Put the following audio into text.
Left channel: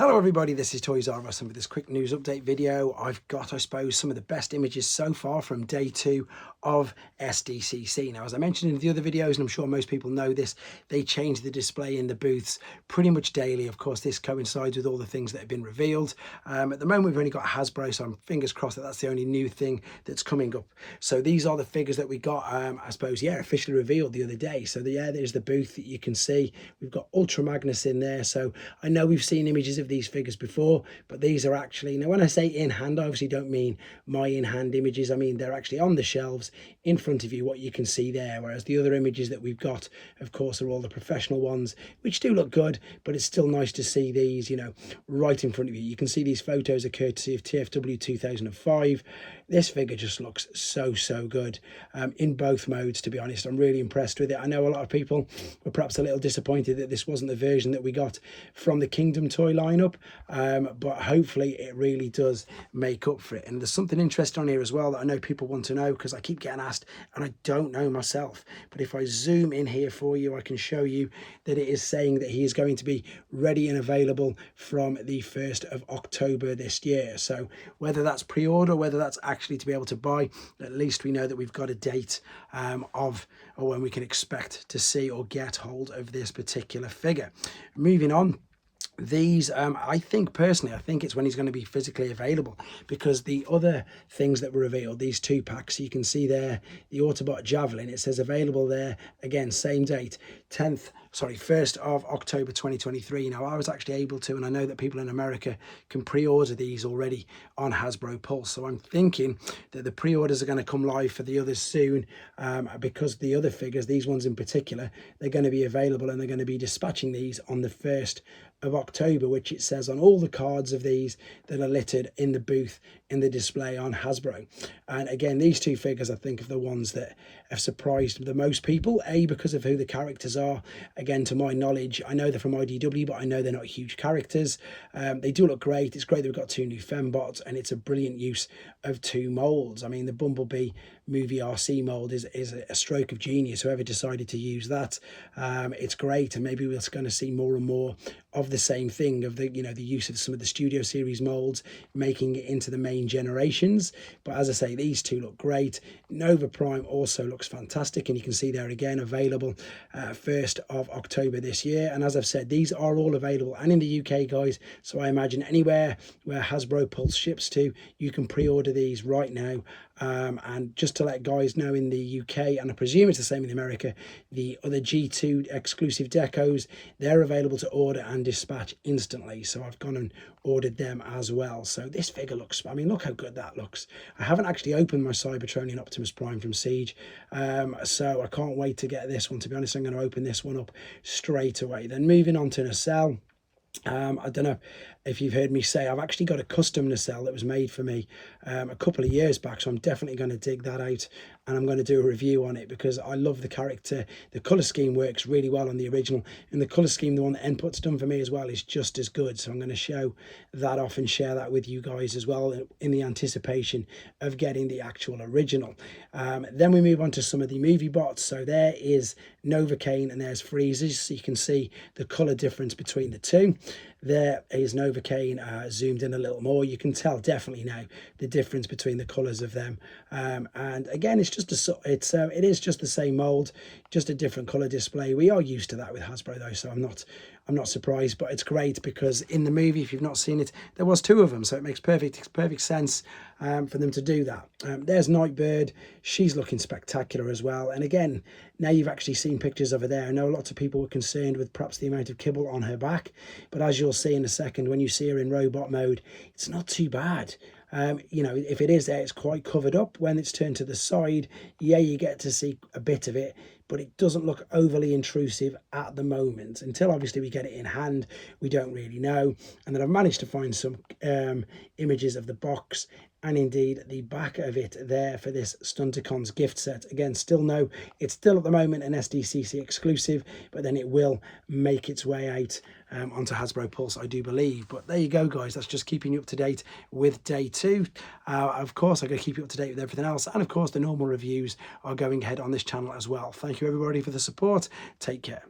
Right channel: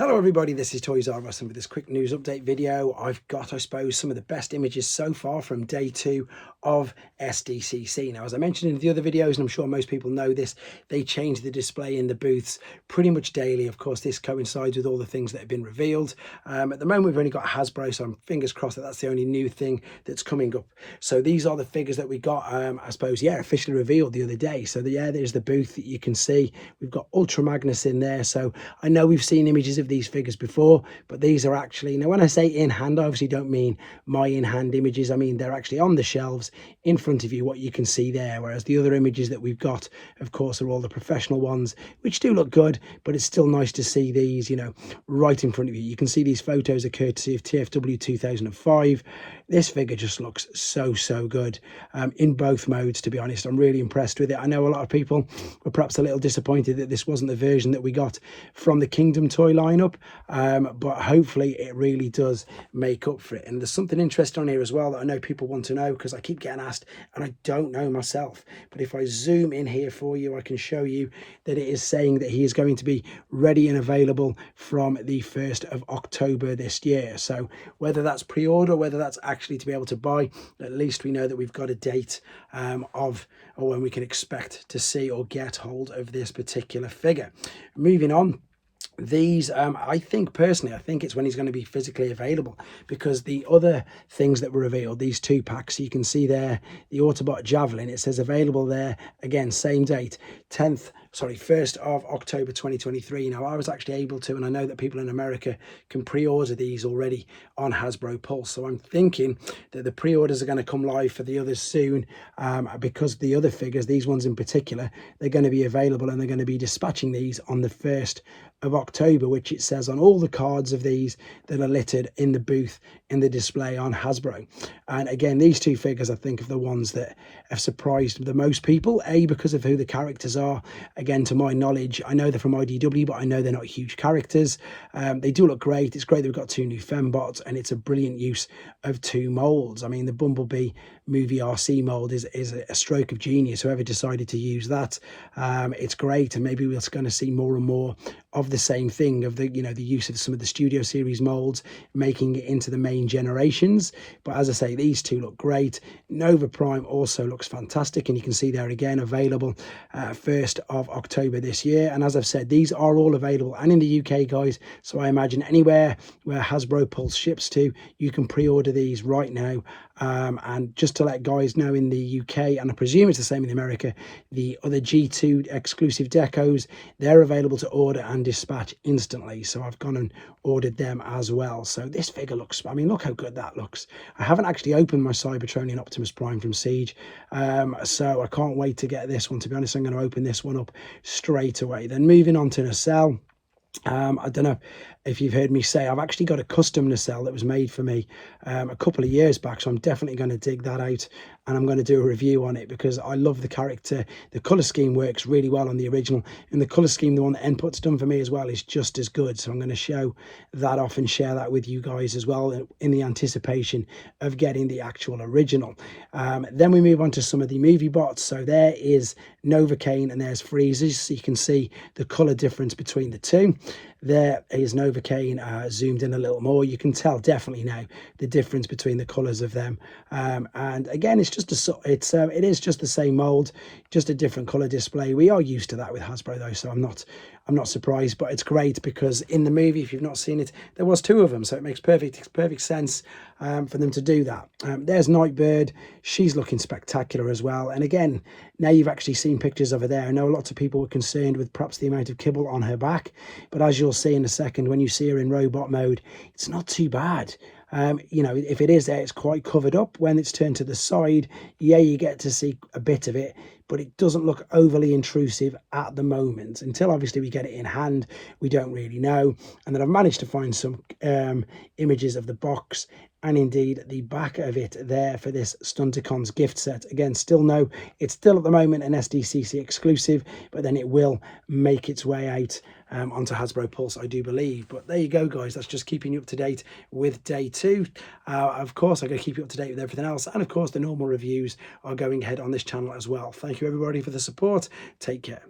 Hello everybody, this is Toys R Us, and with this quick news update video, I've got, I suppose, some of the best images so far from day 2 of SDCC. Now, as I mentioned in the other videos, and I'm sure most people know this, they change the display in the booths pretty much daily. Of course, this coincides with all the things that have been revealed. At the moment, we've only got hasbro, so I'm fingers crossed that that's the only new thing that's coming up. So these are the figures that we got, I suppose, officially revealed the other day. So there's the booth that you can see. We've got Ultra Magnus in there. So I know we've seen images of these figures before, but these are actually, now when I say in hand, I obviously don't mean my in hand images. I mean they're actually on the shelves in front of you, what you can see there, whereas the other images that we've got, of course, are all the professional ones, which do look good, but it's still nice to see these, you know, right in front of you. You can see these photos are courtesy of TFW 2005. This figure just looks so good in both modes. To be honest, I'm really impressed with it. I know a lot of people were perhaps a little disappointed that this wasn't the version that we got from the Kingdom toy lineup, but hopefully it really does make up for it. And there's something interesting on here as well that I know people want to know, because I keep getting asked and I don't know myself. But if I zoom in here for you, I can show you that it is saying that he is going to be ready and available from the 1st of October this year. So whether that's pre-order, whether that's actually to be able to buy, at least we know that we've got a date of or when we can expect to see or get hold of this particular figure. Moving on, these I think personally, I think it's when he's going to be physically available, because the other things that were revealed, these 2-packs, you can see there the Autobot Javelin, it says available there again, same date, 1st of October 2023. Now I was actually able to, and I know that people in America can pre-order these already on Hasbro Pulse, so I'm thinking that the pre-orders are going to come live for the others soon, because the other figures, these ones in particular, they're going to be available, and they're going to be dispatching these on the 1st of October, which it says on all the cards of these that are littered in the booth in the display on Hasbro. And again, these 2 figures I think are the ones that have surprised the most people, because of who the characters are. Again, to my knowledge, I know they're from IDW, but I know they're not huge characters. They do look great. It's great that we've got 2 new fembots, and it's a brilliant use of 2 molds. I mean, the Bumblebee movie RC mold is a stroke of genius, whoever decided to use that. It's great, and maybe we're going to see more and more of the same thing, of the, you know, the use of some of the Studio Series molds, making it into the main generations. But as I say, these 2 look great. Nova Prime also looks fantastic, and you can see there again, available 1st of October this year. And as I've said, these are all available and in the UK, guys, so I imagine anywhere where Hasbro Pulse ships to, you can pre-order these right now. And just to let guys know, in the UK, and I presume it's the same in America, the other G2 exclusive decos, they're available to order and dispatch instantly. So I've gone and ordered them as well. So this figure looks, I mean, look how good that looks. I haven't actually opened my Cybertronian Optimus Prime from Siege, so I can't wait to get this one. To be honest, I'm going to open this one up straight away. Then moving on to Nacelle. I don't know if you've heard me say, I've actually got a custom nacelle that was made for me a couple of years back, so I'm definitely going to dig that out, and I'm going to do a review on it, because I love the character. The colour scheme works really well on the original, and the colour scheme, the one that Input's done for me as well, is just as good. So I'm going to show that off and share that with you guys as well, in the anticipation of getting the actual original. Then we move on to some of the movie bots. So there is Novocaine and there's Freezes, so you can see the colour difference between the 2. There is Novocaine zoomed in a little more. You can tell definitely now the difference between the colours of them. And again, it's just it is just the same mould, just a different colour display. We are used to that with Hasbro though, so I'm not surprised. But it's great, because in the movie, if you've not seen it, there was 2 of them, so it makes perfect sense for them to do that. There's Nightbird. She's looking spectacular as well. And again, now you've actually seen pictures of her there. I know lots of people were concerned with perhaps the amount of kibble on her back, but as you'll see in a second, when you see her in robot mode, it's not too bad. You know, if it is there, it's quite covered up. When it's turned to the side, you get to see a bit of it, but it doesn't look overly intrusive at the moment. Until obviously we get it in hand, we don't really know. And then I've managed to find some images of the box, and indeed the back of it there for this Stunticons gift set. Again, still no, it's still at the moment an SDCC exclusive, but then it will make its way out onto Hasbro Pulse, I do believe. But there you go, guys. That's just keeping you up to date with day 2. Of course, I'm going to keep you up to date with everything else. And of course, the normal reviews are going ahead on this channel as well. Thank you, everybody, for the support. Take care.